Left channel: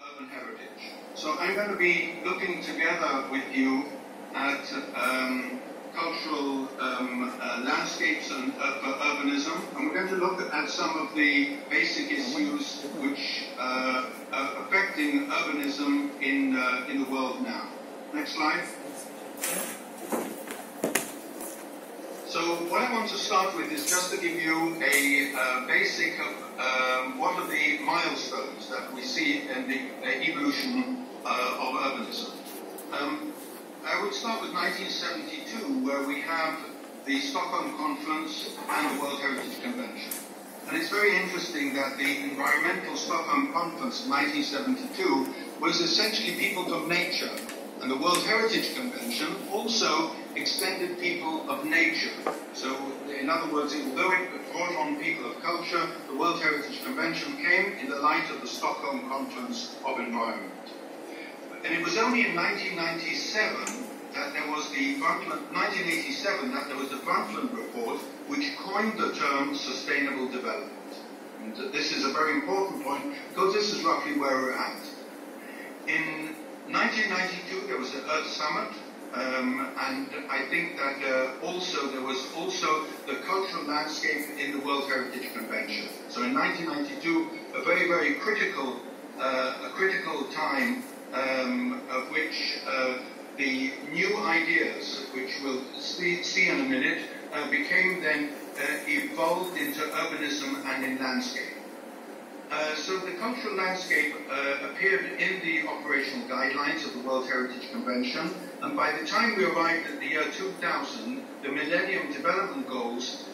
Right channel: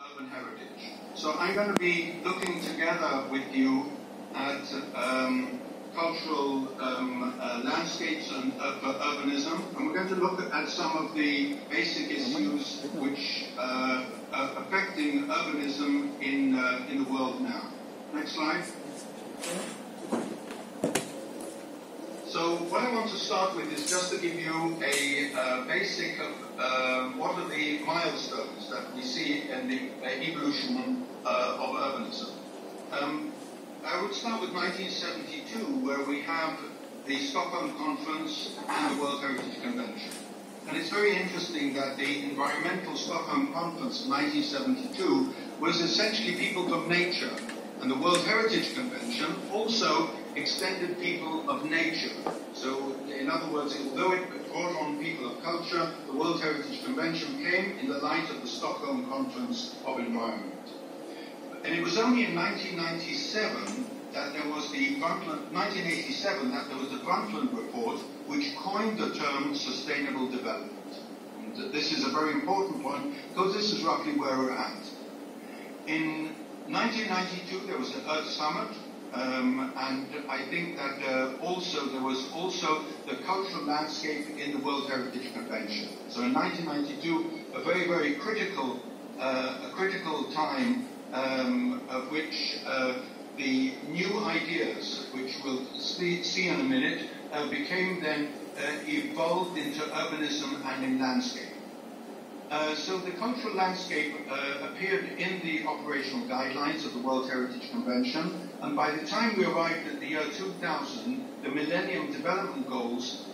urban heritage. So I'm going to be looking together with you at cultural landscapes and urbanism, and we're going to look at some of the basic issues which are affecting urbanism in the world now. Next slide. So what I want to start with is just to give you a basic of what are the milestones that we see in the evolution of urbanism. I would start with 1972, where we have the Stockholm Conference and the World Heritage Convention. And it's very interesting that the environmental Stockholm Conference of 1972 was essentially people of nature, and the World Heritage Convention also extended people of nature. So, in other words, although it brought on people of culture, the World Heritage Convention came in the light of the Stockholm Conference of Environment. And it was only in 1997 that there was the Brundtland Report, which coined the term sustainable development. And this is a very important point, because this is roughly where we're at. In 1992, there was the Earth Summit, and I think that there was also the cultural landscape in the World Heritage Convention. So in 1992, a very, very critical time of which the new ideas, which we'll see in a minute, became then evolved into urbanism and in landscape. So the cultural landscape appeared in the operational guidelines of the World Heritage Convention, and by the time we arrived at the year 2000, the Millennium Development Goals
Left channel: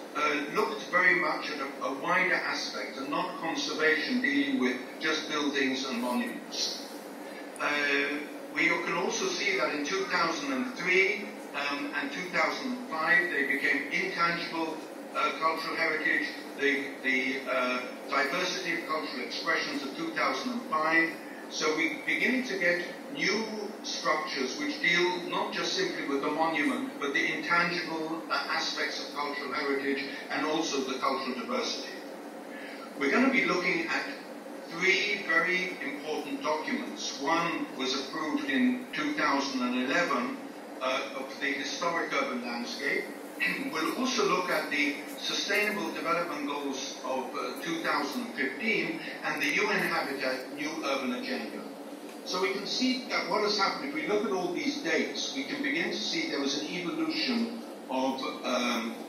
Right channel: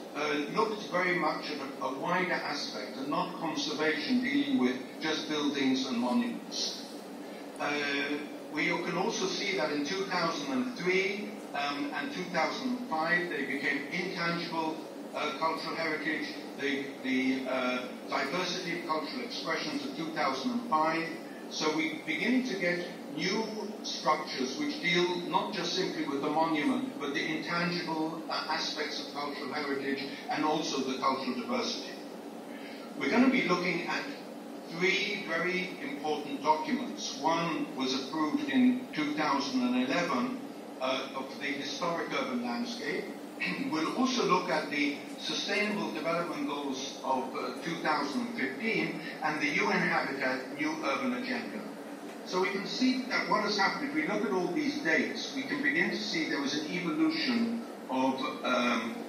looked very much at a wider aspect, and not conservation dealing with just buildings and monuments. We can also see that in 2003 and 2005 they became intangible cultural heritage, the diversity of cultural expressions of 2005. So we're beginning to get new structures which deal not just simply with the monument, but the intangible aspects of cultural heritage and also the cultural diversity. We're going to be looking at three very important documents. One was approved in 2011 of the historic urban landscape. We'll also look at the Sustainable Development Goals of 2015 and the UN Habitat New Urban Agenda. So we can see that what has happened, if we look at all these dates, we can begin to see there was an evolution of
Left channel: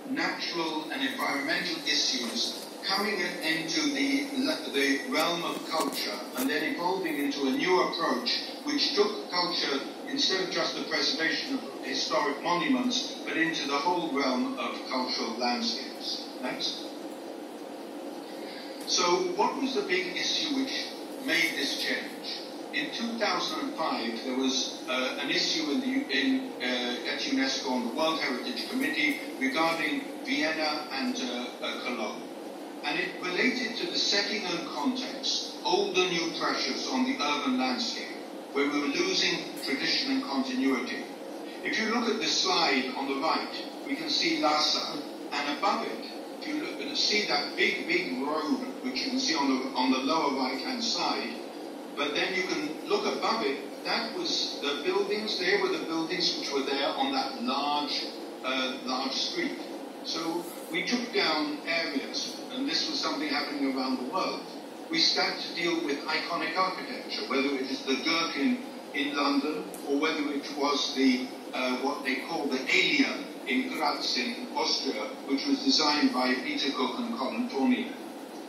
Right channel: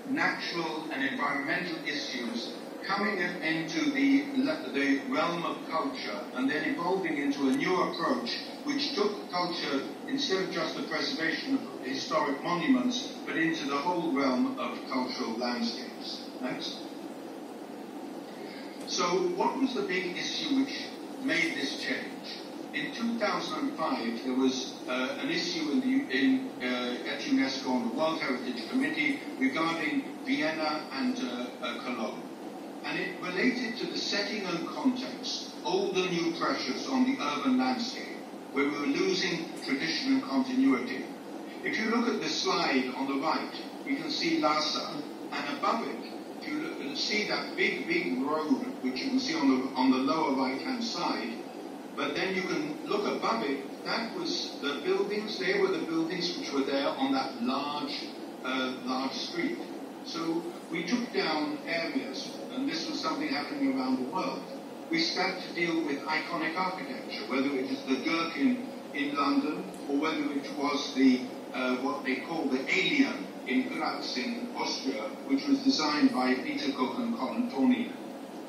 natural and environmental issues coming into the realm of culture and then evolving into a new approach which took culture, instead of just the preservation of historic monuments, but into the whole realm of cultural landscapes. Next. So what was the big issue which made this change? In 2005, there was an issue at UNESCO on the World Heritage Committee regarding Vienna and Cologne. And it related to the setting and context, old and new pressures on the urban landscape, where we were losing tradition and continuity. If you look at this slide on the right, we can see Lhasa, and above it, if you look and see that big road, which you can see on the lower right-hand side, but then you can look above it, that was the buildings, they were the buildings which were there on that large street. So we took down areas, and this was something happening around the world. We started to deal with iconic architecture, whether it is the Gherkin in London, or whether it was the what they call the Alien in Graz in Austria, which was designed by Peter Cook and Colin Torney.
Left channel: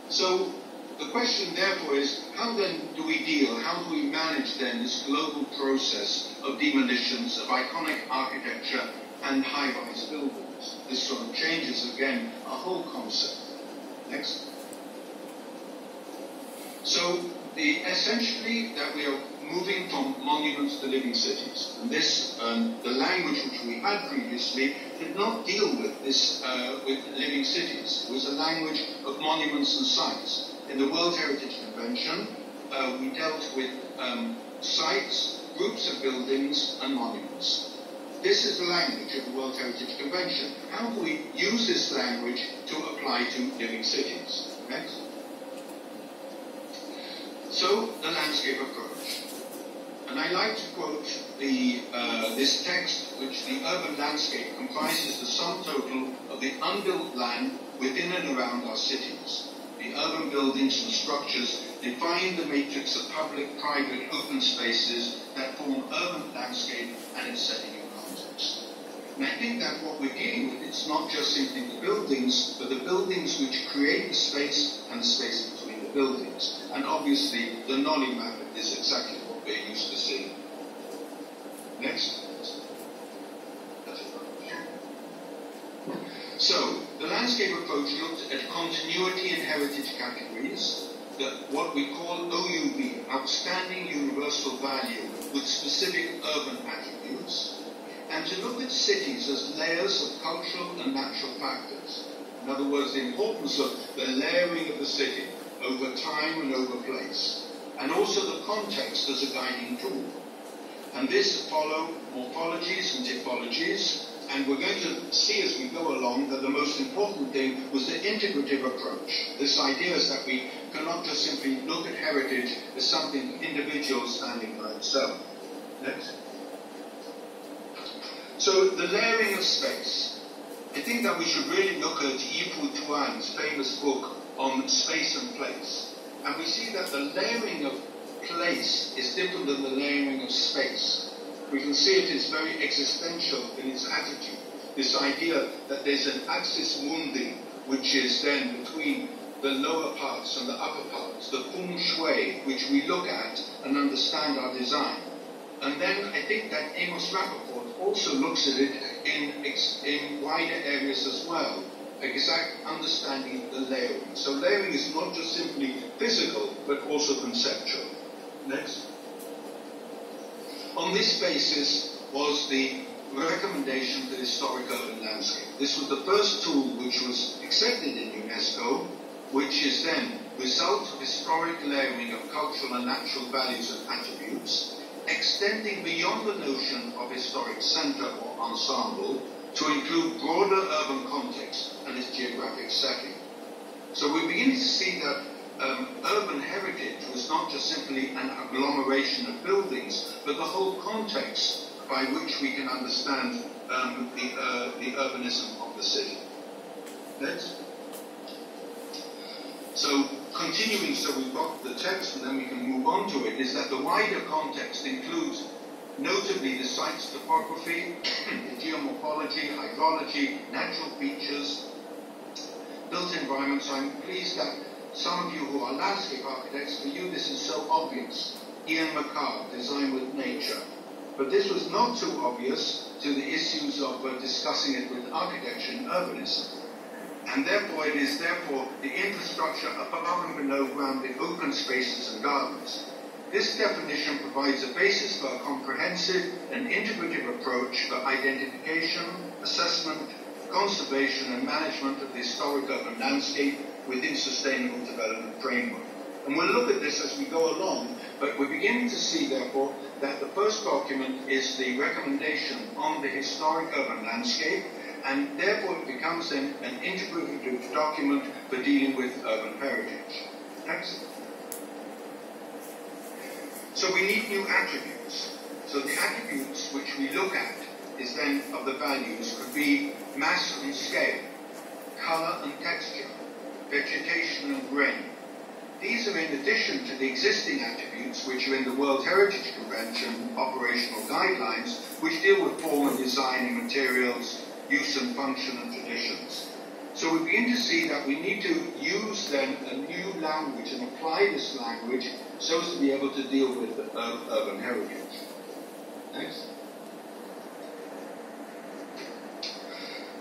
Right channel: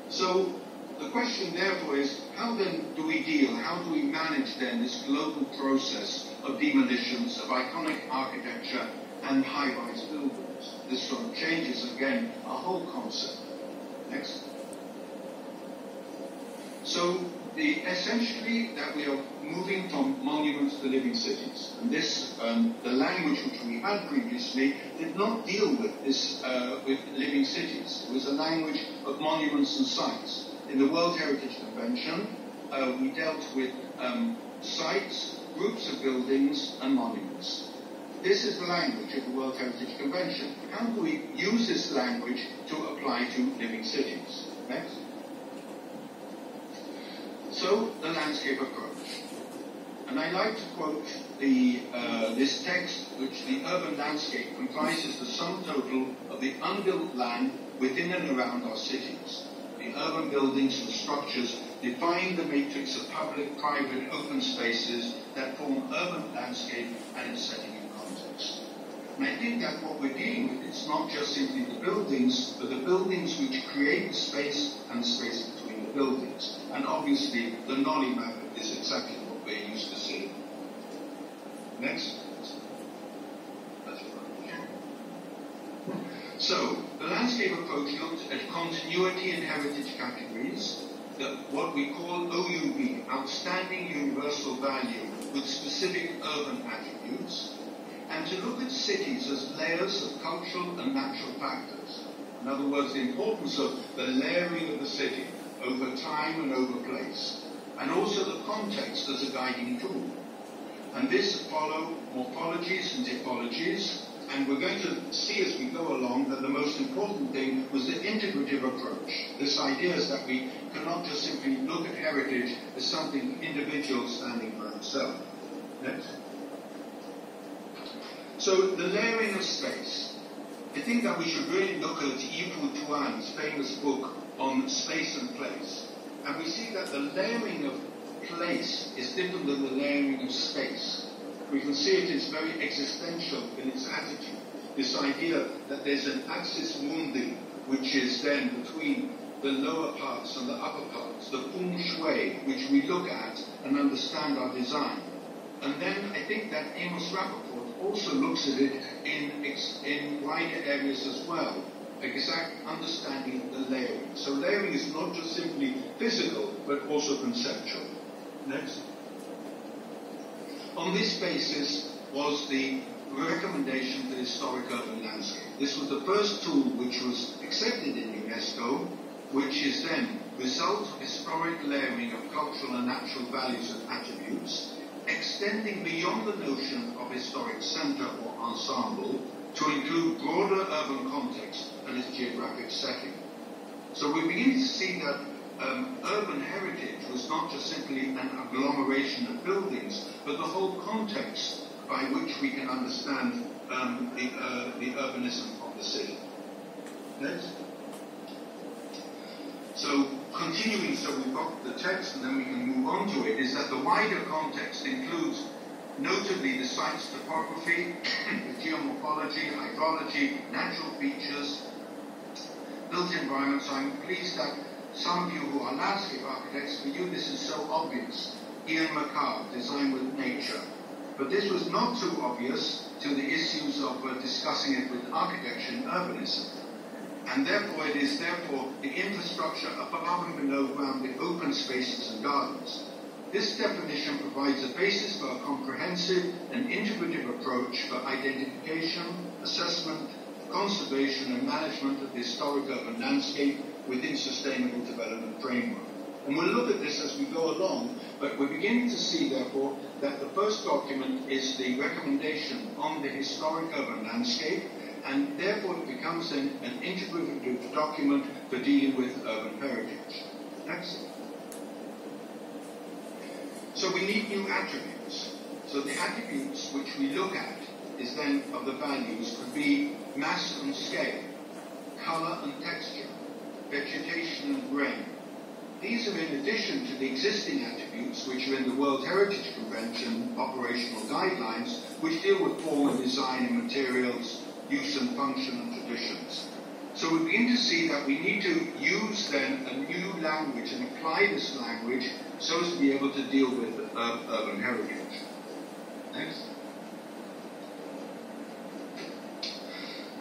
So the question therefore is, how then do we deal, how do we manage then this global process of demolitions of iconic architecture and high-rise buildings? This sort of changes again our whole concept. Next. So essentially that we are moving from monuments to living cities. And this, the language which we had previously did not deal with this, with living cities. It was a language of monuments and sites. In the World Heritage Convention, we dealt with sites, groups of buildings, and monuments. This is the language of the World Heritage Convention. How do we use this language to apply to living cities? Next. So, the landscape approach. And I like to quote this text, which the urban landscape comprises the sum total of the unbuilt land within and around our cities. The urban buildings and structures define the matrix of public, private, open spaces that form urban landscape and its setting and context. And I think that what we're dealing with, it's not just simply the buildings, but the buildings which create the space and the space between the buildings. And obviously, the Nolly map is exactly what we're used to seeing. Next. So, the landscape approach looked at continuity and heritage categories, what we call OUV, outstanding universal value with specific urban attributes, and to look at cities as layers of cultural and natural factors. In other words, the importance of the layering of the city over time and over place, and also the context as a guiding tool. And this followed morphologies and typologies, and we're going to see as we go along that the most important thing was the integrative approach. This idea is that we cannot just simply look at heritage as something individual standing by itself. Next. So the layering of space. I think that we should really look at Yi-Fu Tuan's famous book on space and place. And we see that the layering of place is different than the layering of space. We can see it is very existential in its attitude. This idea that there's an axis mundi, which is then between the lower parts and the upper parts, the feng shui, which we look at and understand our design. And then I think that Amos Rappaport also looks at it in wider areas as well, exact understanding of the layering. So layering is not just simply physical, but also conceptual. Next. On this basis was the recommendation for historic urban landscape. This was the first tool which was accepted in UNESCO, which is then result of historic layering of cultural and natural values and attributes, extending beyond the notion of historic centre or ensemble to include broader urban context and its geographic setting. So we begin to see that urban heritage was not just simply an agglomeration of buildings, but the whole context by which we can understand the urbanism of the city. Next. So continuing, so we've got the text and then we can move on to it, is that the wider context includes notably the site's topography, the geomorphology, hydrology, natural features, built environment. So I'm pleased that some of you who are landscape architects, for you this is so obvious. Ian McCarr, Design with Nature. But this was not too obvious to the issues of discussing it with architecture and urbanism. And therefore it is the infrastructure above and below ground, the open spaces and gardens. This definition provides a basis for a comprehensive and integrative approach for identification, assessment, conservation and management of the historic urban landscape within sustainable development framework. And we'll look at this as we go along, but we're beginning to see, therefore, that the first document is the recommendation on the historic urban landscape, and therefore it becomes then an integrative document for dealing with urban heritage. Next. So we need new attributes. So the attributes which we look at is then of the values could be mass and scale, color and texture, vegetation and grain. These are in addition to the existing attributes which are in the World Heritage Convention operational guidelines, which deal with form and design and materials, use and function and traditions. So we begin to see that we need to use then a new language and apply this language so as to be able to deal with urban heritage. Next.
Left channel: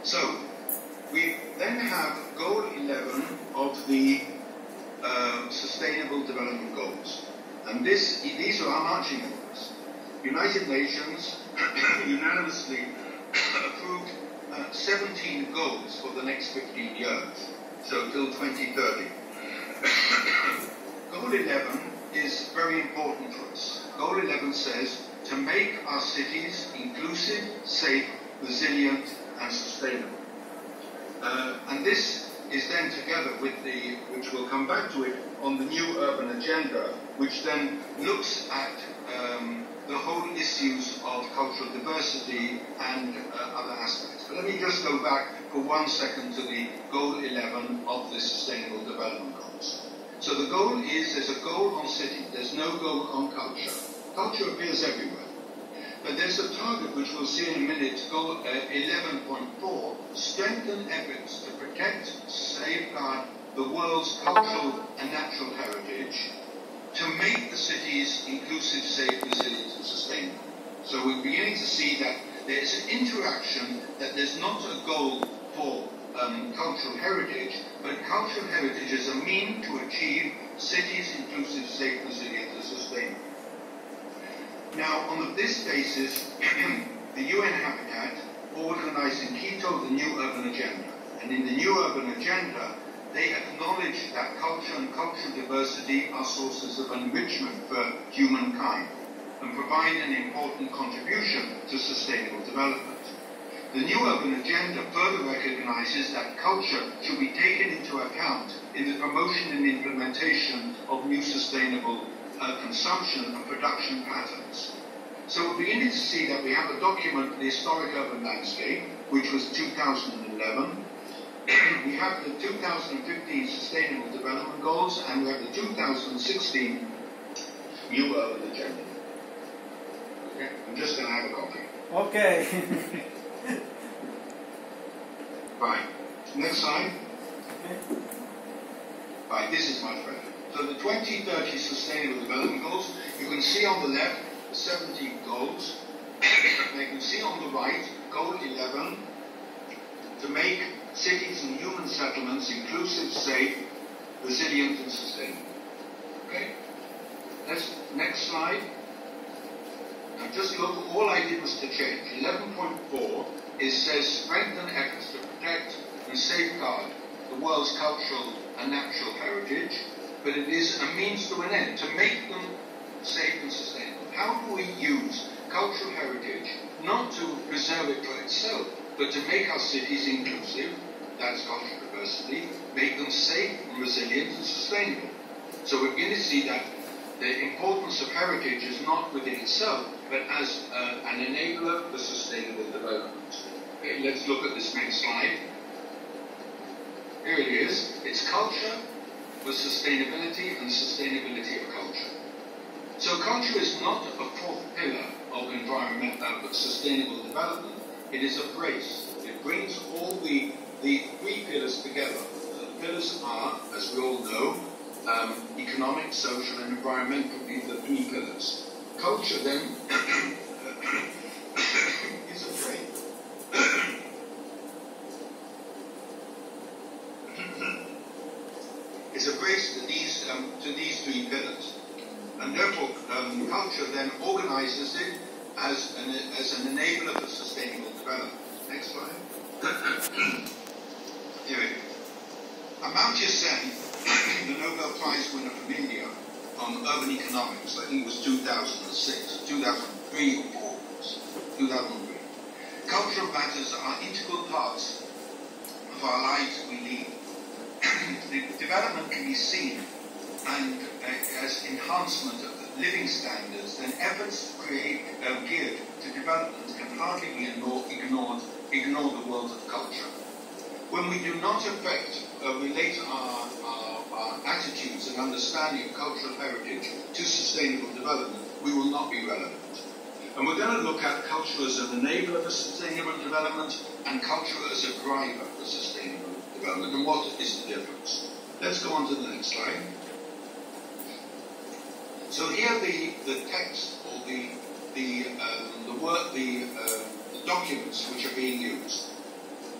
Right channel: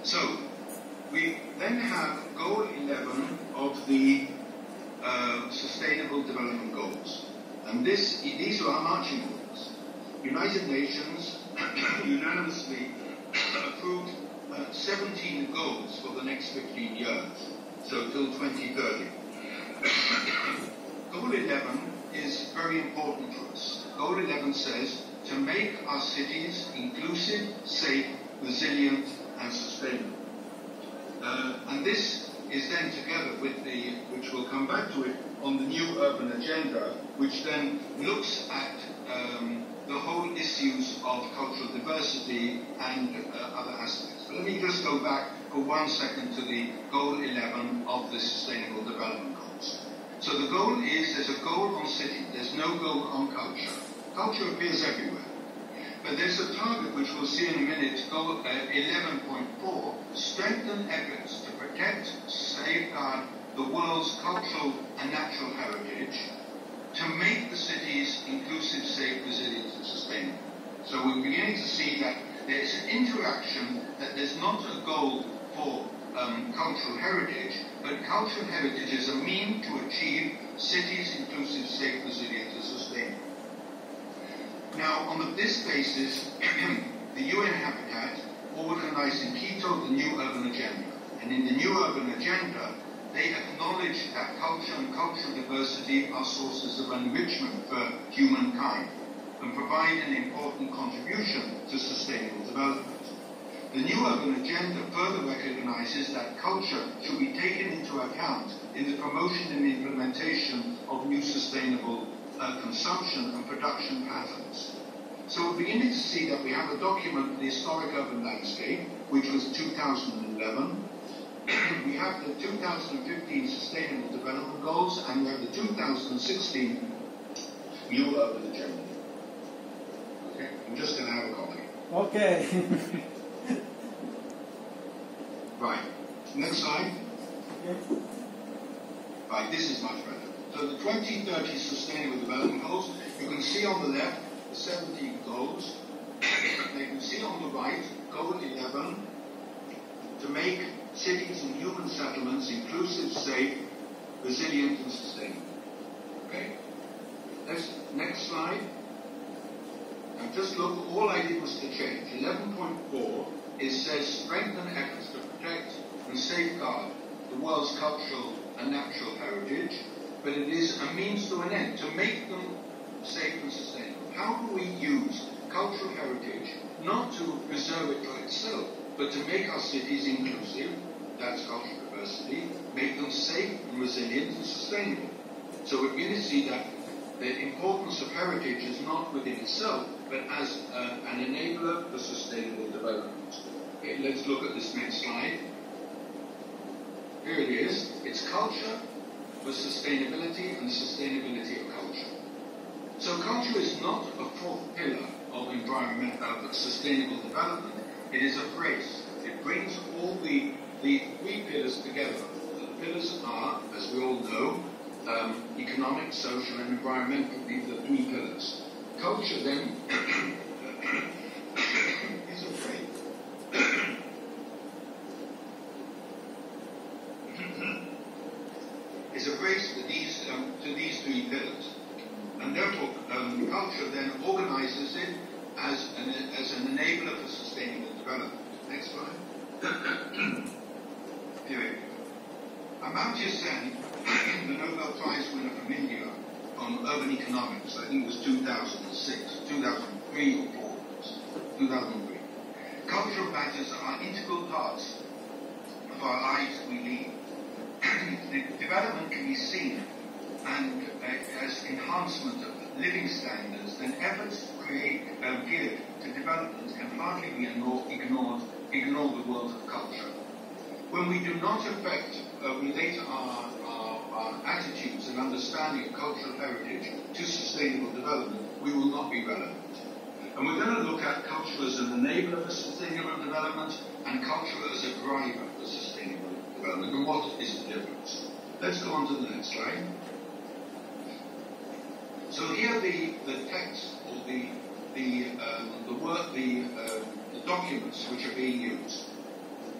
So we then have goal 11 of the Sustainable Development Goals. And these are our marching orders. United Nations unanimously approved 17 goals for the next 15 years, so till 2030. Goal 11 is very important for us. Goal 11 says to make our cities inclusive, safe, resilient, and sustainable. And this is then together with which we'll come back to it, on the new urban agenda, which then looks at the whole issues of cultural diversity and other aspects. But let me just go back for 1 second to the goal 11 of the Sustainable Development Goals. So the goal is, there's a goal on city, there's no goal on culture. Culture appears everywhere. But there's a target which we'll see in a minute, goal 11.4, strengthen efforts to protect, safeguard the world's cultural and natural heritage, to make the cities inclusive, safe, resilient and sustainable. So we're beginning to see that there's an interaction, that there's not a goal for cultural heritage, but cultural heritage is a means to achieve cities inclusive, safe, resilient and sustainable. Now, on this basis, the UN Habitat organized in Quito the new urban agenda. And in the new urban agenda, they acknowledge that culture and cultural diversity are sources of enrichment for humankind and provide an important contribution to sustainable development. The new urban agenda further recognizes that culture should be taken into account in the promotion and implementation of new sustainable consumption and production patterns. So we're beginning to see that we have a document, the Historic Urban Landscape, which was 2011. We have the 2015 Sustainable Development Goals, and we have the 2016 New Urban Agenda. Okay, I'm just going to have a copy. Okay. Right. Next slide. Okay. Right, this is much better. So the 2030 Sustainable Development Goals, you can see on the left the 17 goals. You can see on the right, Goal 11, to make cities and human settlements inclusive, safe, resilient and sustainable. Okay? Next slide. Now just look, all I did was to change. 11.4, it says strengthen efforts to protect and safeguard the world's cultural and natural heritage, but it is a means to an end, to make them safe and sustainable. How do we use cultural heritage not to preserve it for itself, but to make our cities inclusive, that's cultural diversity, make them safe and resilient and sustainable. So we're going to see that the importance of heritage is not within itself, but as an enabler for sustainable development. Okay, let's look at this next slide. Here it is. It's culture for sustainability and sustainability of culture. So culture is not a fourth pillar of sustainable development. It is a brace. It brings all the three pillars together. The pillars are, as we all know, economic, social, and environmental. These are the three pillars. Culture then is a brace. It's a brace to these three pillars. And therefore, culture then organizes it as an enabler for sustainable development. Next slide. Here it is. Amartya Sen, the Nobel Prize winner from India on urban economics, I think it was 2006, 2003 or 4, 2003. Cultural matters are integral parts of our lives we lead. The development can be seen and as enhancement of living standards, then efforts geared to development can hardly be ignore the world of culture. When we do not relate our attitudes and understanding of cultural heritage to sustainable development, we will not be relevant. And we're going to look at culture as an enabler for sustainable development and culture as a driver for sustainable development. And what is the difference? Let's go on to the next slide. So here the text or the documents which are being used.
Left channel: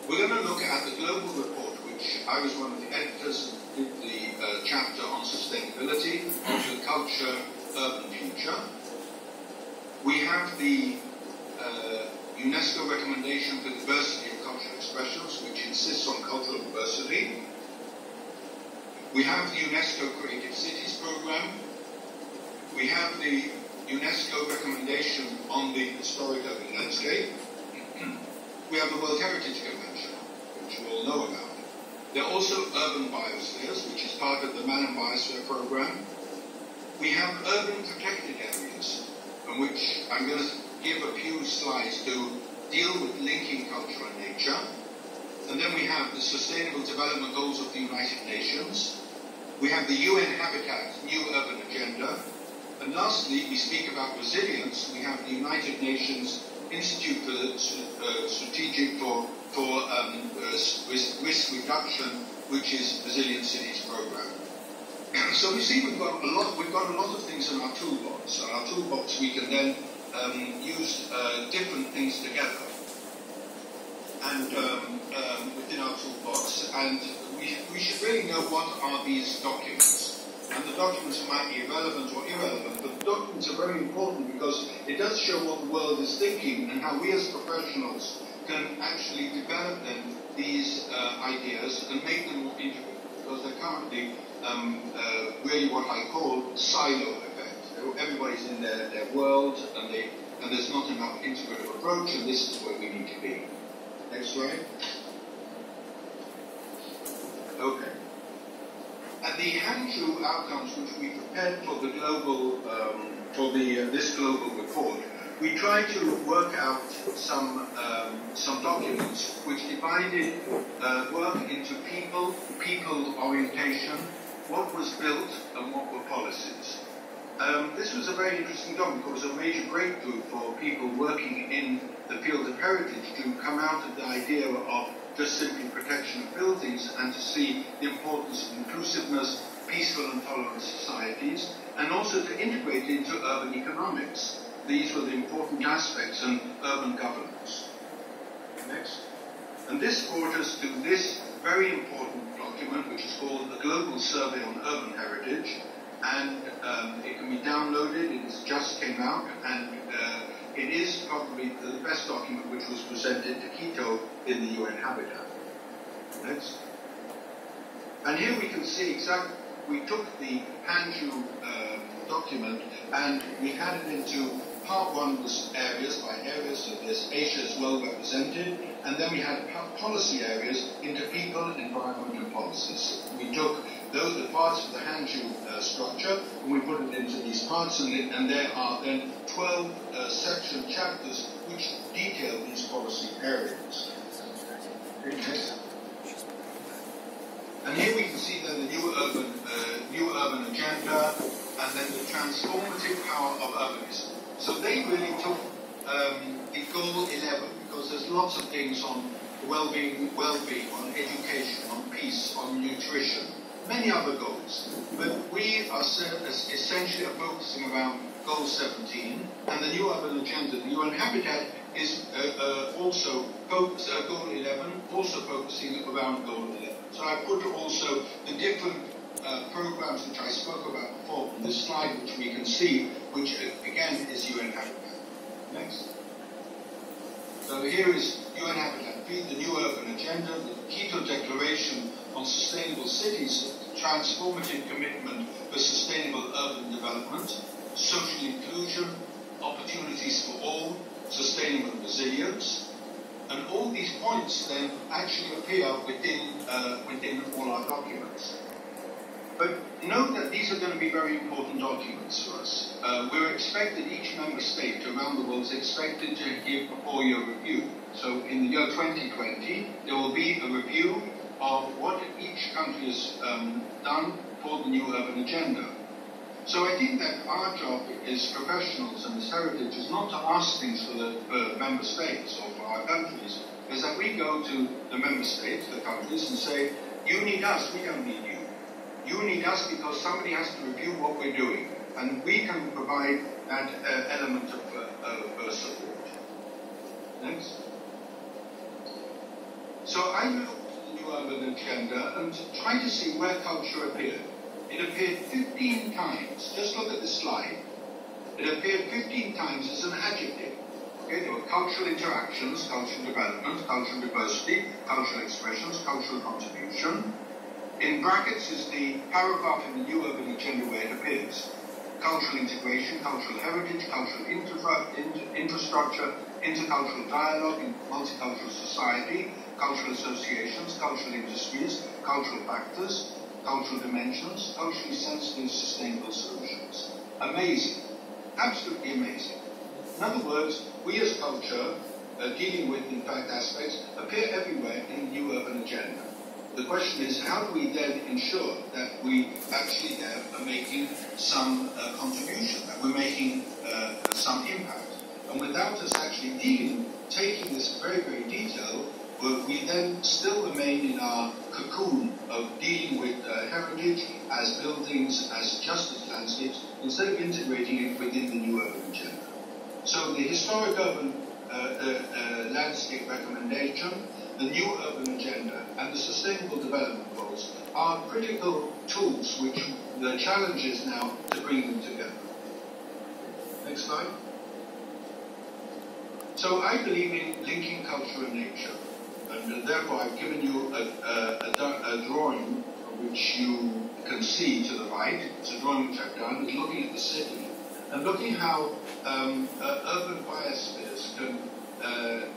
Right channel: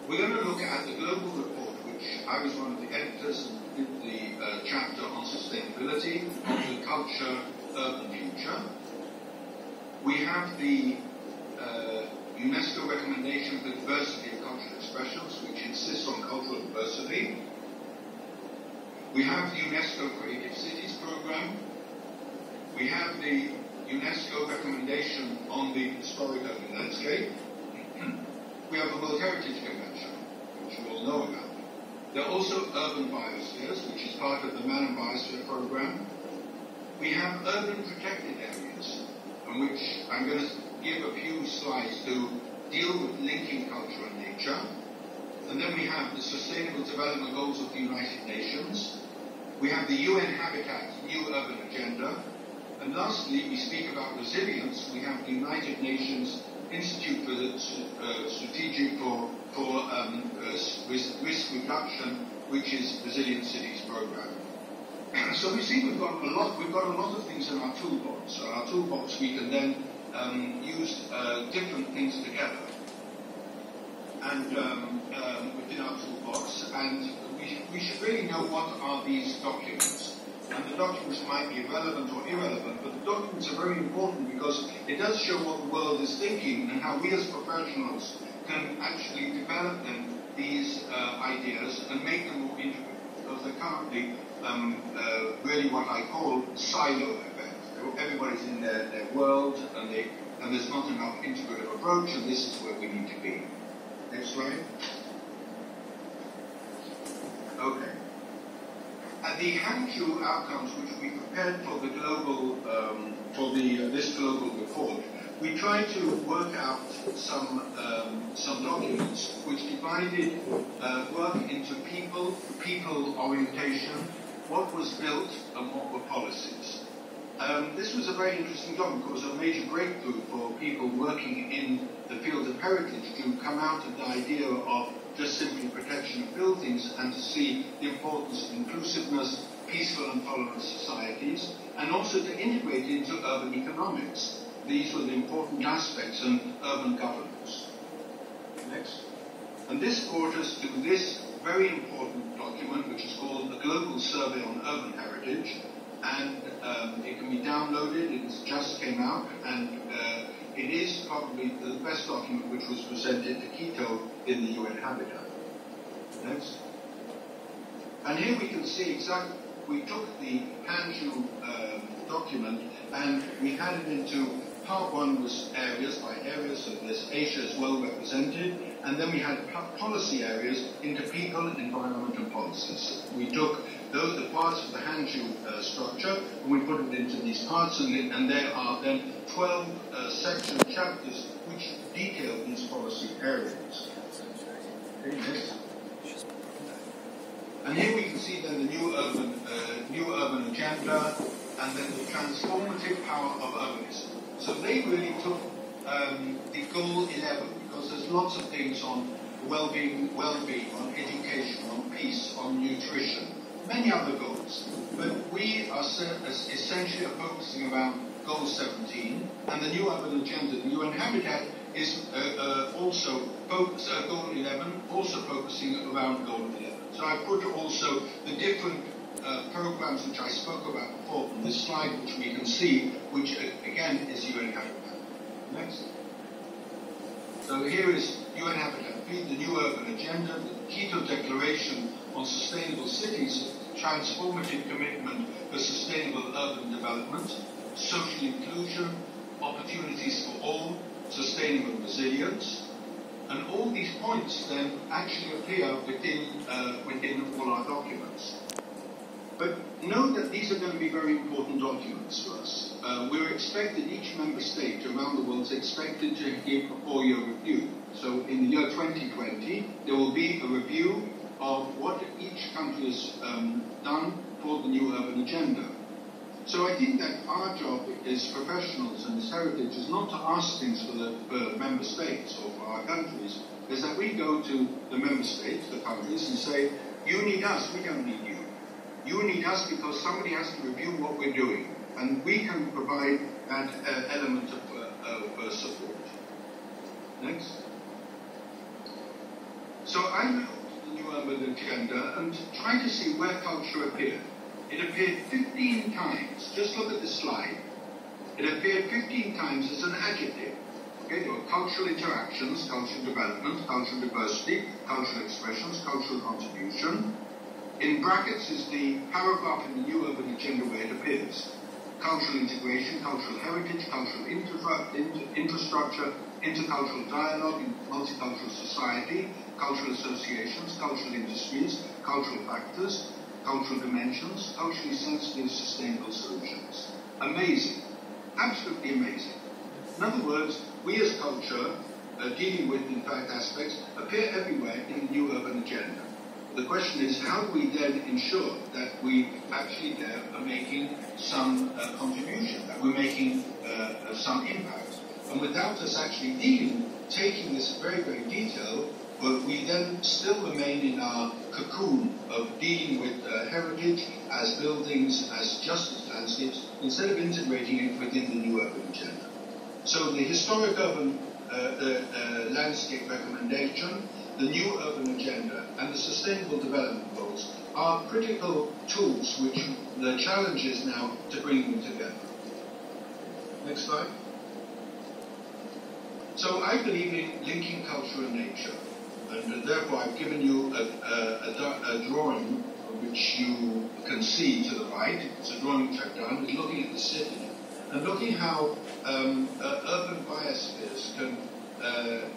We're going to look at the global report, which I was one of the editors and did the chapter on sustainability of the culture urban future. We have the UNESCO recommendation for diversity of cultural expressions, which insists on cultural diversity. We have the UNESCO Creative Cities Program. We have the UNESCO recommendation on the historic urban landscape. We have the World Heritage Convention, which you all know about. There are also urban biospheres, which is part of the Man and Biosphere program. We have urban protected areas, in which I'm going to give a few slides to deal with linking culture and nature. And then we have the Sustainable Development Goals of the United Nations. We have the UN Habitat New Urban Agenda. And lastly, we speak about resilience. We have the United Nations Institute for Strategic for Risk Reduction, which is Resilient Cities Program. So we see we've got a lot of things in our toolbox. So our toolbox we can then use different things together, and within our toolbox, and we should really know what are these documents. And the documents might be relevant or irrelevant, but the documents are very important because it does show what the world is thinking and how we as professionals can actually develop then these ideas and make them more intricate, because they're currently really what I call silo effect. Everybody's in their world, and there's not enough integrative approach, and this is where we need to be. Next slide. Okay. And the Hangzhou outcomes, which we prepared for the global, this global report, we tried to work out some documents which divided work into people orientation, what was built, and what were policies. This was a very interesting document. It was a major breakthrough for people working in the field of heritage to come out of the idea of just simply protection of buildings and to see the importance of inclusiveness, peaceful and tolerant societies, and also to integrate it into urban economics. These were the important aspects in urban governance. Next. And this brought us to this very important document, which is called the Global Survey on Urban Heritage, and it can be downloaded. It just came out, and it is probably the best document which was presented to Quito in the UN Habitat. Next. And here we can see exactly, we took the Hangzhou document and we had it into part one was areas by areas, so there's Asia as well represented, and then we had policy areas into people, environment and policies. We took the parts of the Hangzhou structure and we put it into these parts, and there are then 12 section chapters which detail these policy areas. Okay. And here we can see then the new urban agenda, and then the transformative power of urbanism. So they really took the goal 11, because there's lots of things on well-being, on education, on peace, on nutrition, many other goals. But we are essentially focusing around goal 17, and the new urban agenda, the UN Habitat, is also goal 11, also focusing around goal 11. So I put also the different programs which I spoke about before on this slide, which we can see, which again is UN Habitat. Next. So here is UN Habitat, the new urban agenda, the Quito Declaration on Sustainable Cities, transformative commitment for sustainable urban development, social inclusion, opportunities for all, sustainable resilience. And all these points then actually appear within all our documents. But know that these are going to be very important documents to us. We're expected, each member state around the world is expected to give a 4-year review. So in the year 2020, there will be a review of what each country has done for the new urban agenda. So I think that our job as professionals and as heritage is not to ask things for the member states or for our countries, is that we go to the member states, the countries, and say, you need us, we don't need you. You need us because somebody has to review what we're doing, and we can provide that element of support. Next. So I looked at the new urban agenda and tried to see where culture appeared. It appeared 15 times. Just look at the slide. It appeared 15 times as an adjective. Okay, there were cultural interactions, cultural development, cultural diversity, cultural expressions, cultural contribution. In brackets is the paragraph in the new urban agenda where it appears. Cultural integration, cultural heritage, cultural infrastructure, intercultural dialogue in multicultural society, cultural associations, cultural industries, cultural factors, cultural dimensions, culturally sensitive, sustainable solutions. Amazing. Absolutely amazing. In other words, we as culture, dealing with, in fact, aspects, appear everywhere in the new urban agenda. The question is, how do we then ensure that we actually are making some contribution, that we're making some impact? And without us actually taking this very, very detailed, we then still remain in our cocoon of dealing with heritage as buildings, as just as landscapes, instead of integrating it within the new urban agenda. So the historic urban landscape recommendation, the new urban agenda, and the sustainable development goals are critical tools which the challenge is now to bring them together. Next slide. So I believe in linking culture and nature, and therefore I've given you a drawing which you can see to the right. It's a drawing which I've done. It's looking at the city and looking how urban biospheres can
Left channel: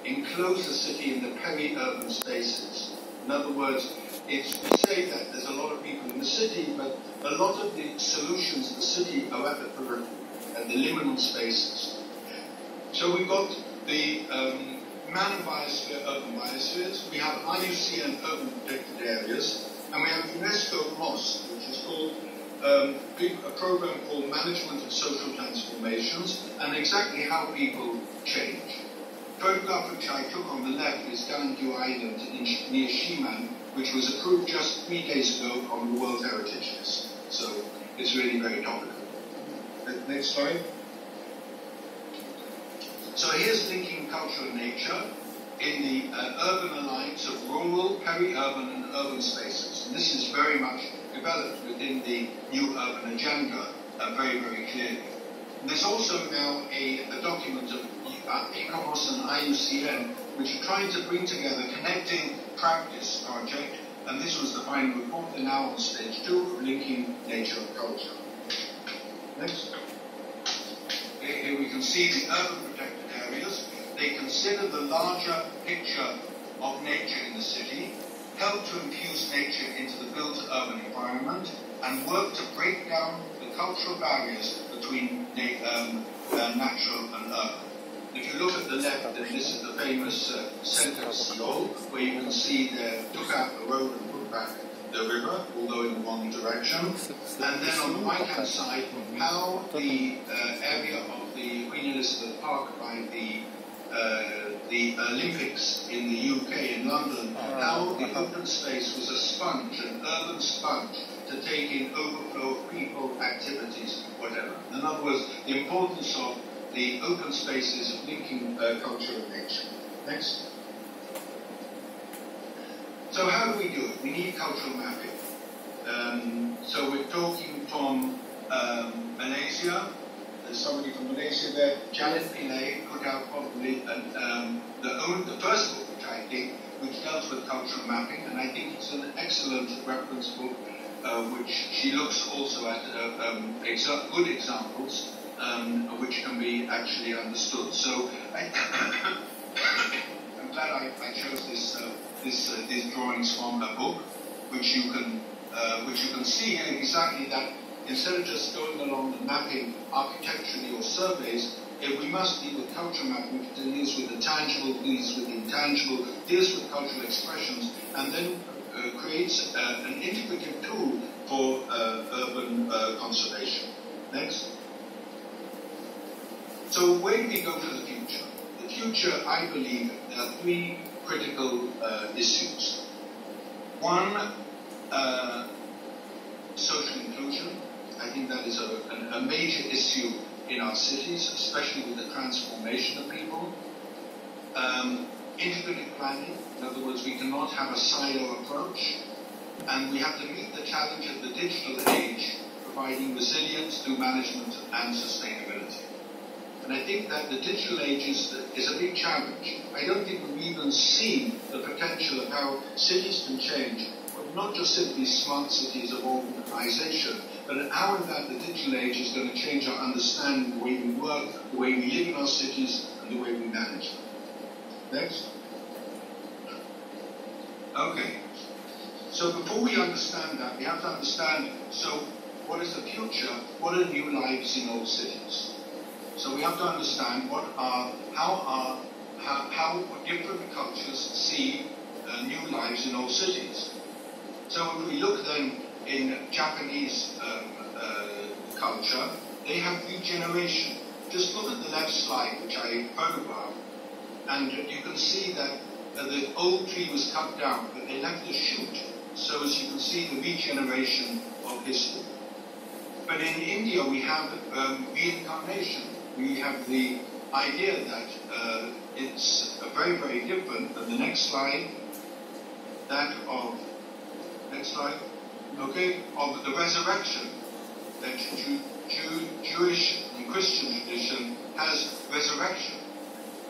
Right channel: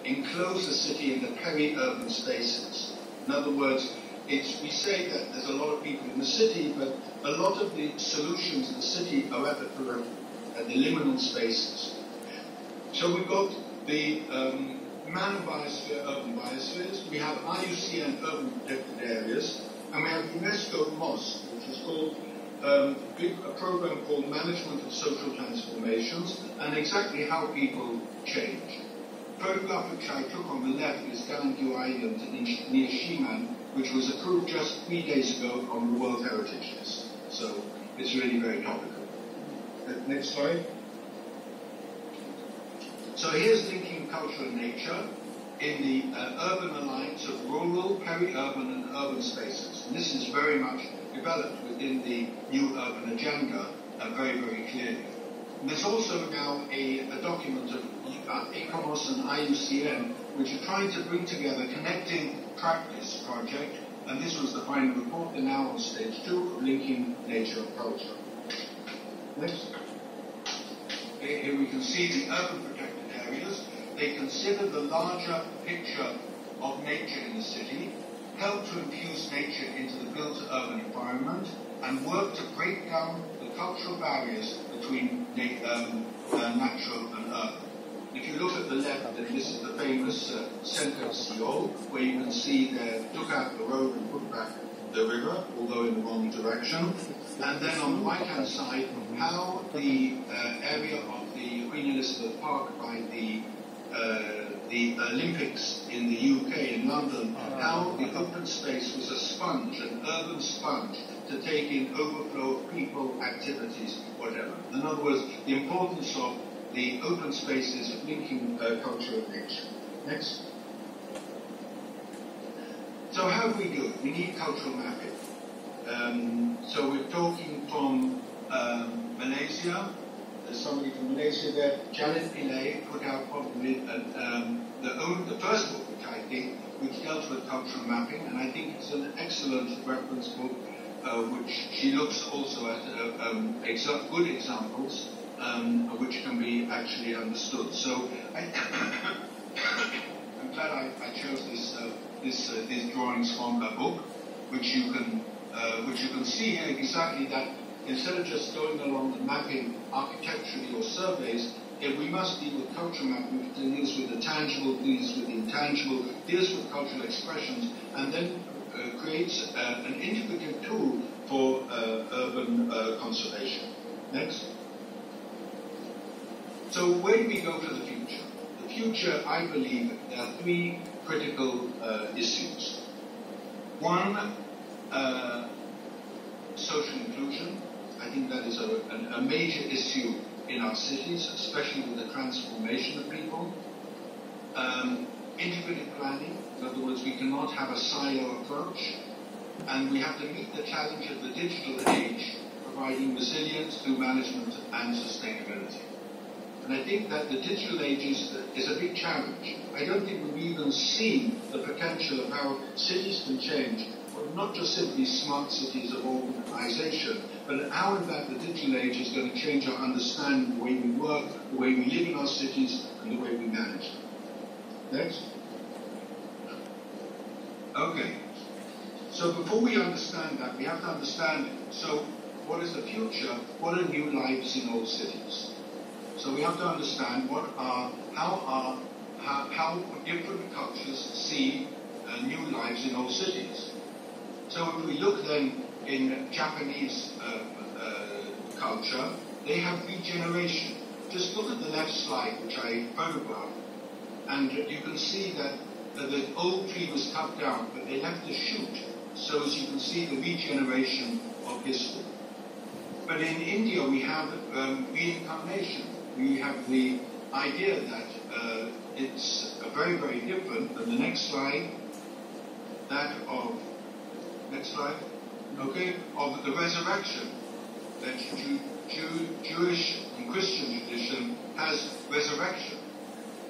enclose the city in the peri-urban spaces. In other words, we say that there's a lot of people in the city, but a lot of the solutions in the city are at the periphery, at the liminal spaces. So we've got the man biosphere, urban biospheres. We have IUCN urban protected areas, and we have UNESCO MOST, which is called a program called Management of Social Transformations, and exactly how people change. The photograph which I took on the left is Ganangyu Island near Shiman, which was approved just 3 days ago on the World Heritage List. So it's really very topical. Next slide. So here's linking culture and nature in the urban alliance of rural, peri-urban and urban spaces. And this is very much developed within the new urban agenda very, very clearly. And there's also now a document of ICOMOS and IUCN which are trying to bring together Connecting Practice project, and this was the final report. They're now on stage 2 of linking nature and culture. Next. Here we can see the urban protected areas. They consider the larger picture of nature in the city, help to infuse nature into the built urban environment, and work to break down the cultural barriers between natural and urban. If you look at the left, then this is the famous centre of Seoul, where you can see they took out the road and put back the river, although in the wrong direction. And then on the right-hand side, how the area of the Queen Elizabeth Park by the Olympics in the UK, in London, how the open space was a sponge, an urban sponge, to take in overflow of people, activities, whatever. In other words, the importance of the open spaces of linking culture and nature. Next. So how do we do it? We need cultural mapping. So we're talking from Malaysia. There's somebody from Malaysia there. Janet Pillay put out probably the first book which I think, which dealt with cultural mapping, and I think it's an excellent reference book, which she looks also at good examples which can be actually understood. So I'm glad I chose these drawings from a book, which you can see here exactly that. Instead of just going along the mapping architecturally or surveys, we must deal with culture mapping, which deals with the tangible, deals with the intangible, deals with cultural expressions, and then creates an integrative tool for urban conservation. Next. So where do we go for the future? The future, I believe, are 3 critical issues. One, social inclusion. I think that is a major issue in our cities, especially with the transformation of people. Integrated planning. In other words, we cannot have a silo approach. And we have to meet the challenge of the digital age, providing resilience through management and sustainability. And I think that the digital age is a big challenge. I don't think we've even seen the potential of how cities can change, not just simply smart cities of organization, but how in fact the digital age is going to change our understanding, the way we work, the way we live in our cities, and the way we manage them. Next. Okay. So before we understand that, we have to understand, so what is the future? What are new lives in old cities? So we have to understand how different cultures see new lives in old cities. So if we look then in Japanese culture, they have regeneration. Just look at the left slide, which I photographed, and you can see that the old tree was cut down, but they left a shoot. So as you can see, the regeneration of history. But in India, we have reincarnation. We have the idea that it's very, very different than the next slide, of the resurrection. That Jewish and Christian tradition has resurrection.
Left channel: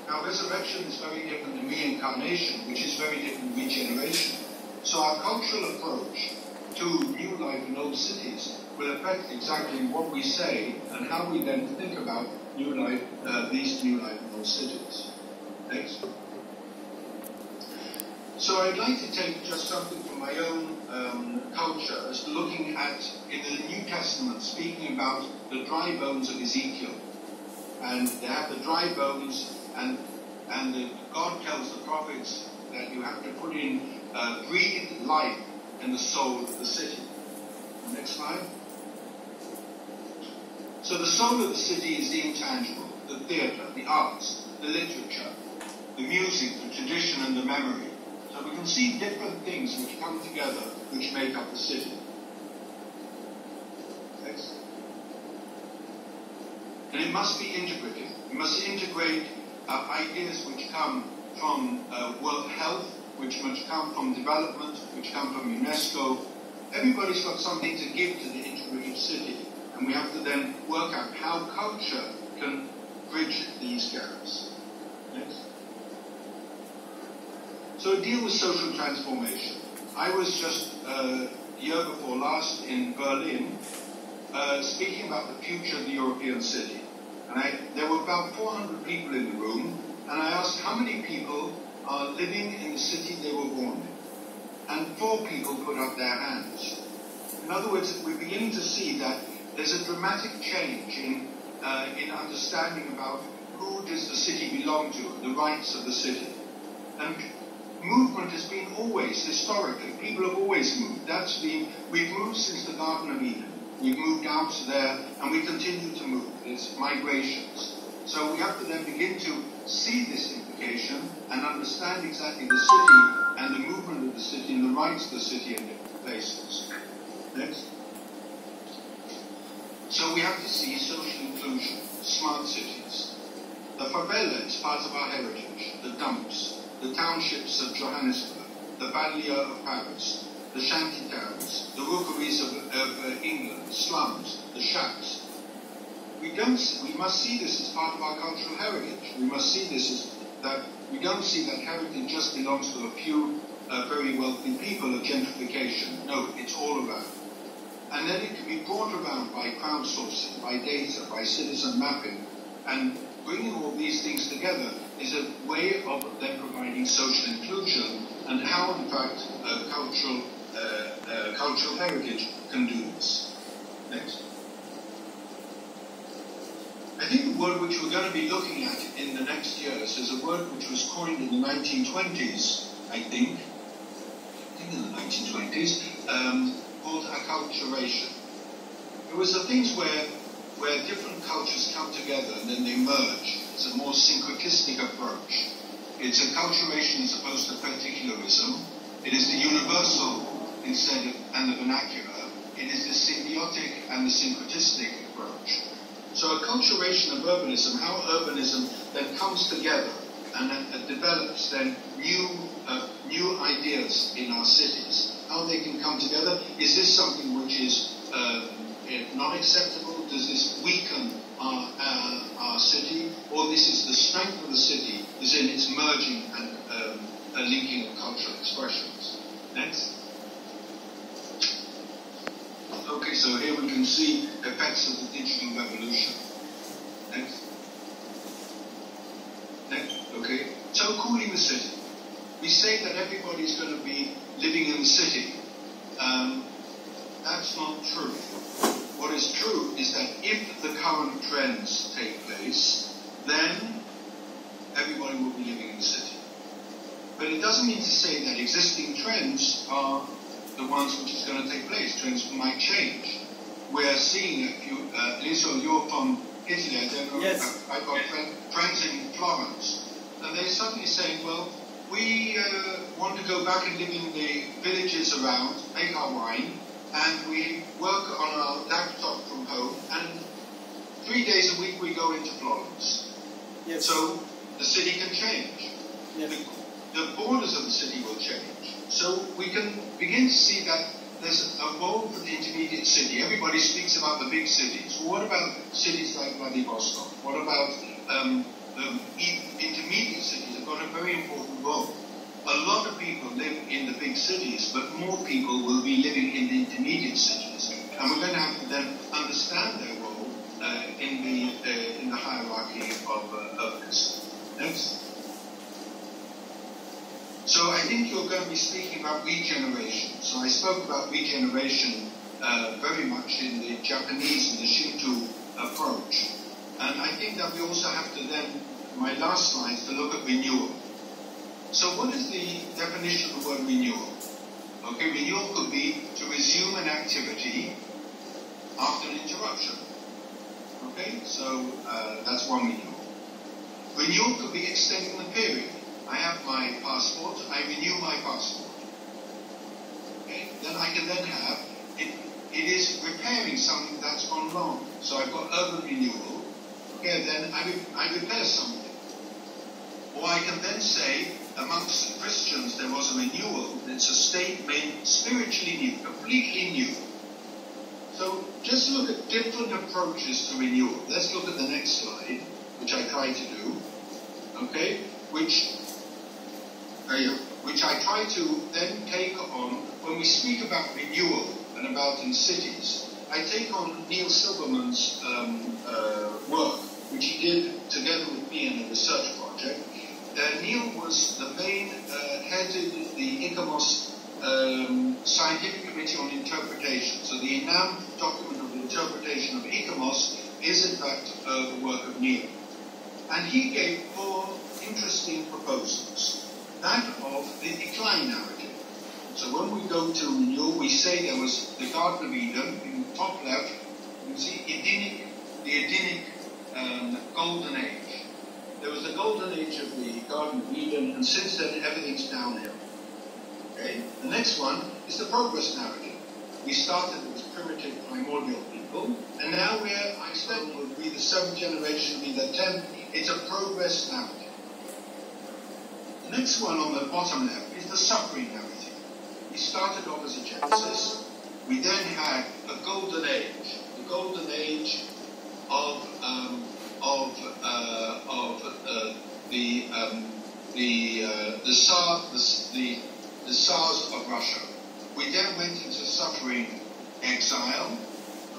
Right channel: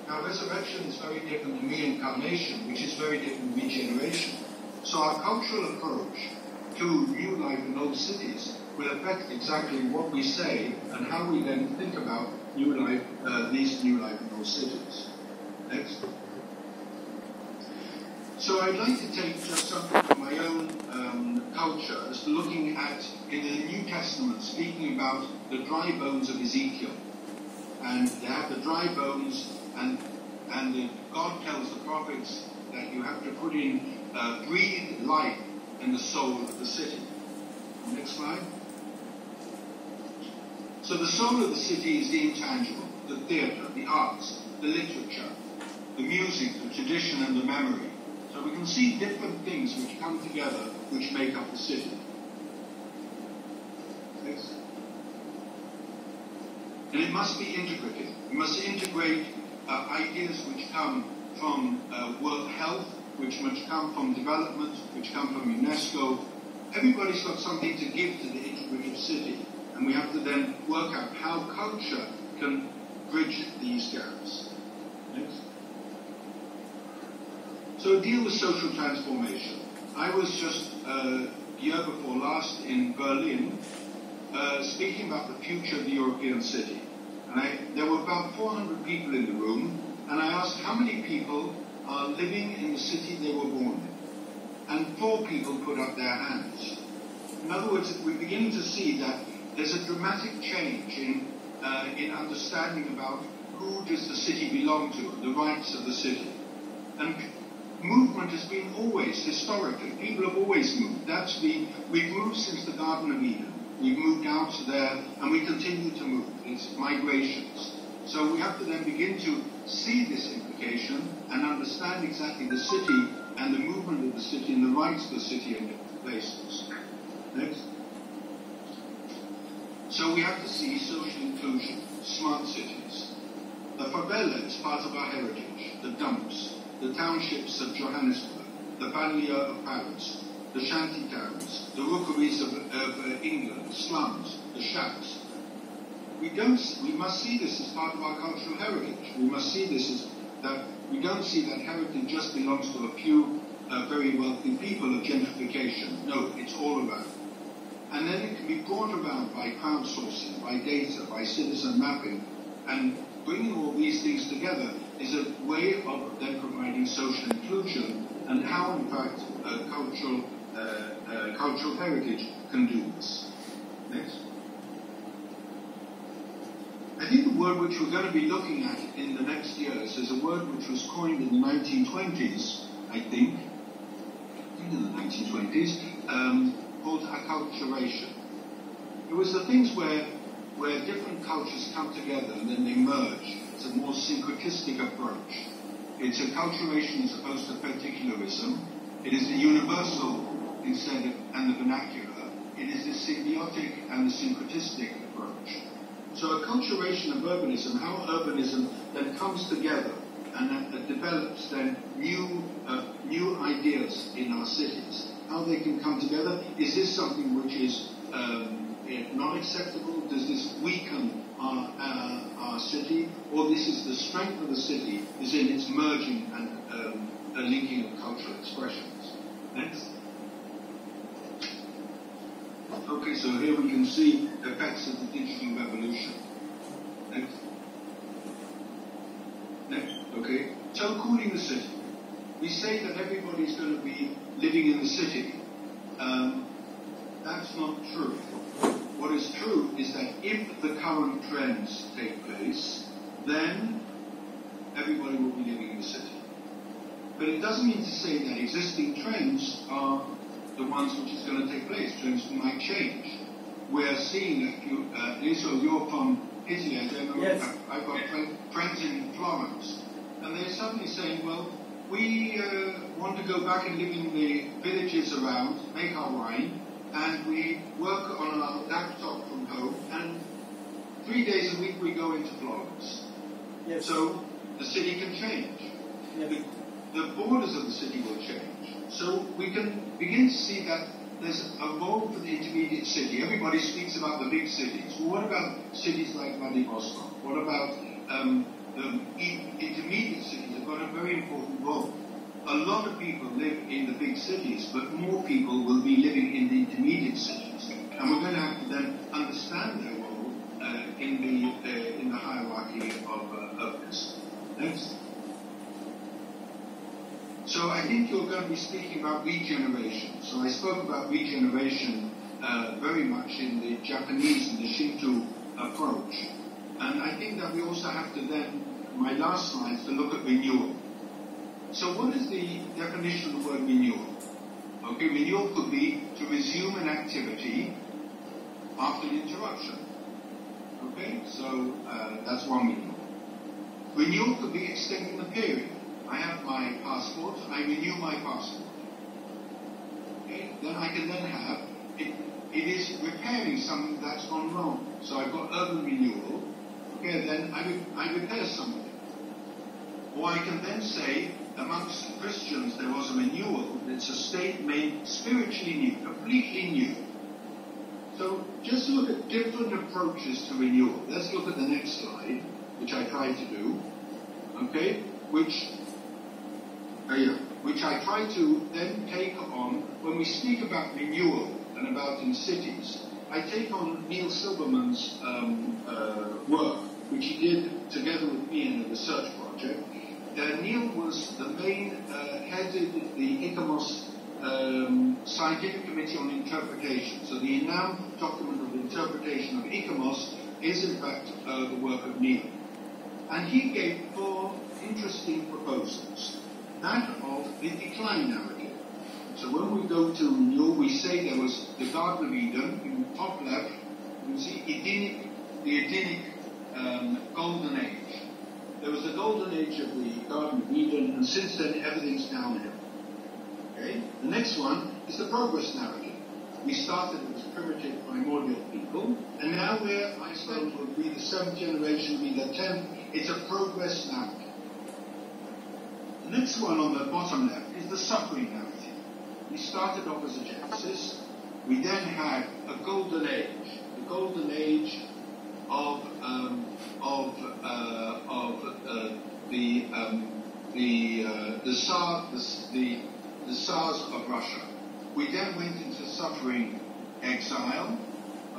Now, resurrection is very different than reincarnation, which is very different than regeneration. So our cultural approach to new life in old cities will affect exactly what we say and how we then think about new life, these new life in old cities. Next. So I'd like to take just something from my own culture as looking at, in the New Testament, speaking about the dry bones of Ezekiel. And they have the dry bones, and God tells the prophets that you have to put in, breathe life in the soul of the city. Next slide. So the soul of the city is the intangible, the theatre, the arts, the literature, the music, the tradition, and the memory. So we can see different things which come together, which make up the city. Next. And it must be integrative. We must integrate ideas which come from World Health, which must come from development, which come from UNESCO. Everybody's got something to give to the integrative city. And we have to then work out how culture can bridge these gaps. Yes? So deal with social transformation. I was just year before last in Berlin speaking about the future of the European city. And there were about 400 people in the room, and I asked how many people are living in the city they were born in. And 4 people put up their hands. In other words, we're beginning to see that there's a dramatic change in understanding about who does the city belong to, the rights of the city. And movement has been always, historically, people have always moved. We've moved since the Garden of Eden. We've moved out to there, and we continue to move. There's migrations. So we have to then begin to see this implication and understand exactly the city and the movement of the city and the rights of the city in different places. Next. So we have to see social inclusion, smart cities. The favela is part of our heritage, the dumps, the townships of Johannesburg, the banlieue of Paris, the shanty towns, the rookeries of England, slums, the shacks. We must see this as part of our cultural heritage. We must see this as that we don't see that heritage just belongs to a few very wealthy people of gentrification. No, it's all around. And then it can be brought around by crowdsourcing, by data, by citizen mapping. And bringing all these things together is a way of then providing social inclusion and how, in fact, cultural heritage can do this. Next. I think the word which we're going to be looking at in the next years is a word which was coined in the 1920s, I think in the 1920s, called acculturation. It was the things where different cultures come together and then they merge. It's a more syncretistic approach. It's acculturation as opposed to particularism. It is the universal instead of and the vernacular. It is the symbiotic and the syncretistic approach. So acculturation of urbanism, how urbanism then comes together and develops then new ideas in our cities. How they can come together. Is this something which is not acceptable? Does this weaken our city? Or this is the strength of the city is in its merging and linking of cultural expressions. Next. Okay, so here we can see effects of the digital revolution. Next. Next. Okay. So cooling the city. we say that everybody's going to be living in the city. That's not true. What is true is that if the current trends take place, then everybody will be living in the city. But it doesn't mean to say that existing trends are the ones which is going to take place. Trends might change. We're seeing a few, Lisa, you're from Italy, I don't know. Yes. I've got friends in Florence, and they're suddenly saying, well, we want to go back and live in the villages around, make our wine, and we work on our laptop from home, and 3 days a week we go into Florence. Yes. So the city can change. Yes. The borders of the city will change. So we can begin to see that there's a role for the intermediate city. Everybody speaks about the big cities. Well, what about cities like Vladivostok? What about the intermediate cities have got a very important role? A lot of people live in the big cities, but more people will be living in the intermediate cities. And we're going to have to then understand their role in the hierarchy of this. Next. So I think you're going to be speaking about regeneration. So I spoke about regeneration very much in the Japanese and the Shinto approach. And I think that we also have to then, my last slide, is to look at renewal. So what is the definition of the word renewal? Okay, renewal could be to resume an activity after an interruption. Okay, so that's one renewal. Renewal could be extending the period. I have my passport, I renew my passport. Okay? Then I can then have, it is repairing something that's gone wrong. So I've got urban renewal, okay, then I repair something. Or I can then say, amongst Christians there was a renewal, it's a state made spiritually new, completely new. So just look at different approaches to renewal. Let's look at the next slide, which I tried to do, okay, which I try to then take on, when we speak about renewal and about in cities, I take on Neil Silverman's work, which he did together with me in a research project. Neil was the main, headed the ICOMOS Scientific Committee on Interpretation. So the ENAM document of interpretation of ICOMOS is in fact the work of Neil. And he gave 4 interesting proposals. That of the decline narrative. So when we go to renewal, we say there was the Garden of Eden in the top left. You can see the Edenic golden age. There was the golden age of the Garden of Eden, and since then everything's downhill. Okay. The next one is the progress narrative. We started with primitive primordial people, and now I said would be the 7th generation, be the 10th. It's a progress narrative. The next one on the bottom left is the suffering narrative. We started off as a Genesis. We then had a golden age, the golden age of the Tsars of Russia. We then went into suffering exile,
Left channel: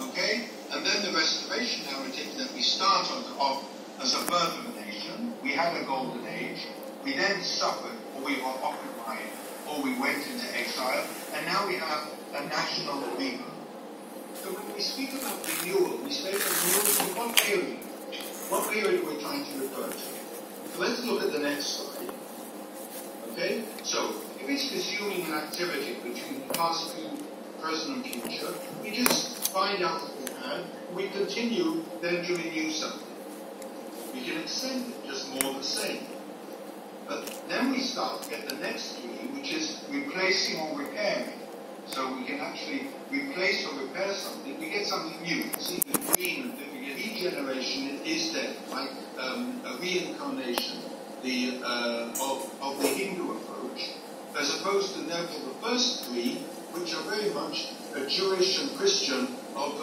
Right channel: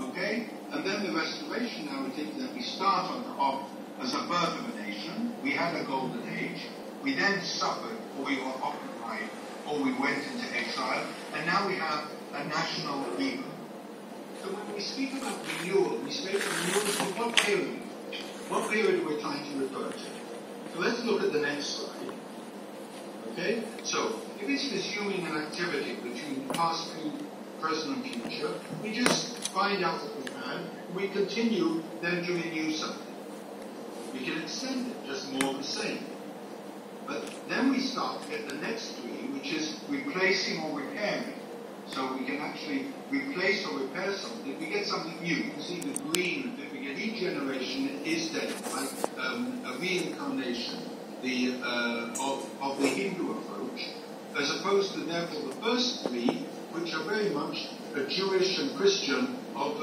okay, and then the restoration narrative that we started off as a birth of a nation. We had a golden age. We then suffered, or we were occupied, or we went into exile, and now we have a national rebirth. So when we speak about renewal, we speak about renewal in what period? What period we're trying to refer to? So let's look at the next slide. Okay? So, if it's resuming an activity between past, present, and future, we just find out what we can, and we continue then to renew something. We can extend it, just more of the same. But then we start to get the next 3, which is replacing or repairing. So we can actually replace or repair something. We get something new. You can see the green, that we get regeneration is there, like a reincarnation of the Hindu approach, as opposed to therefore the first 3, which are very much a Jewish and Christian of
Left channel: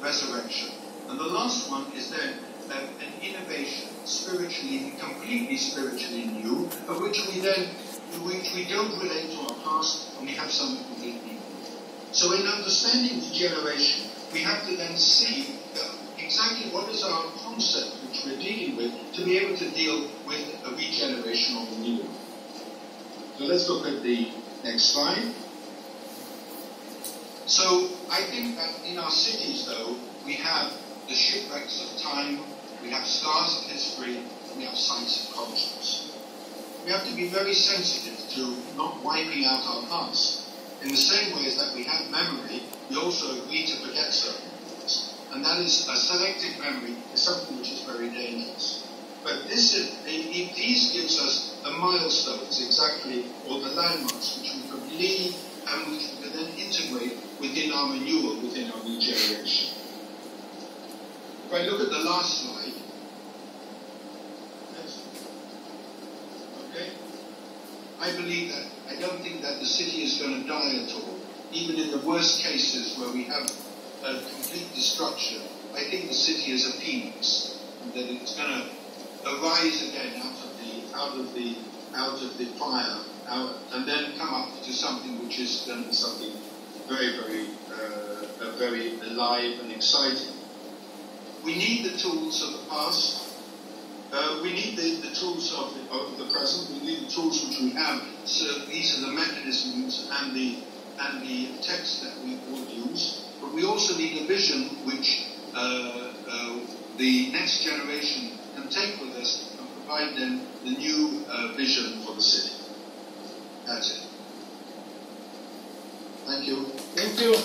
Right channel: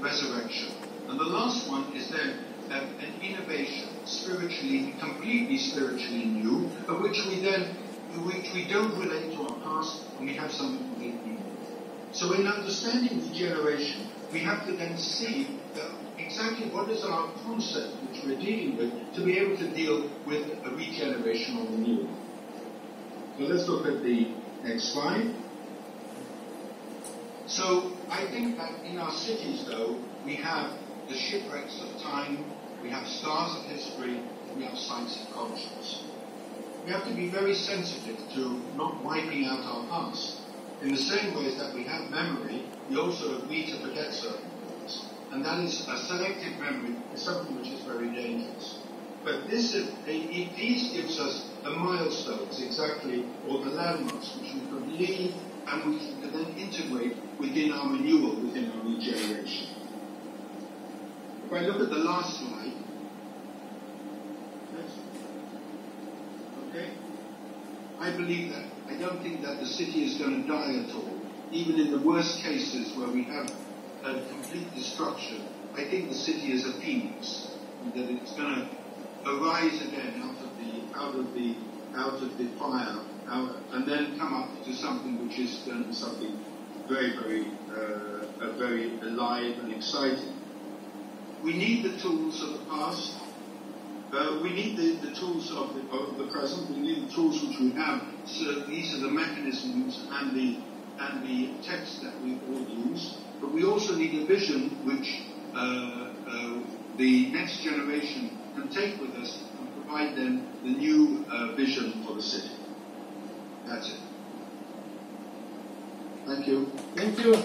resurrection. And the last one is then an innovation, spiritually, completely spiritually new, of which we don't relate to our past, and we have something completely new. So in understanding regeneration, we have to then see exactly what is our concept which we're dealing with to be able to deal with a regeneration or renewal. So let's look at the next slide. So I think that in our cities, though, we have the shipwrecks of time, we have scars of history, and we have sites of conscience. We have to be very sensitive to not wiping out our past. In the same way as that we have memory, we also agree to forget certain things. And that is a selective memory is something which is very dangerous. But these gives us the milestones exactly, or the landmarks, which we could leave and which we could then integrate within our renewal, within our regeneration. If I look at the last slide, yes. Okay. I believe that, I don't think that the city is going to die at all. Even in the worst cases where we have a complete destruction, I think the city is a phoenix, and that it's going to arise again out of the fire, and then come up to something which is going to be something very, very alive and exciting. We need the tools of the past. We need the tools of the present. We need the tools which we have. So these are the mechanisms and the text that we all use. But we also need a vision which the next generation can take with us and provide them the new vision for the city. That's it. Thank you. Thank you.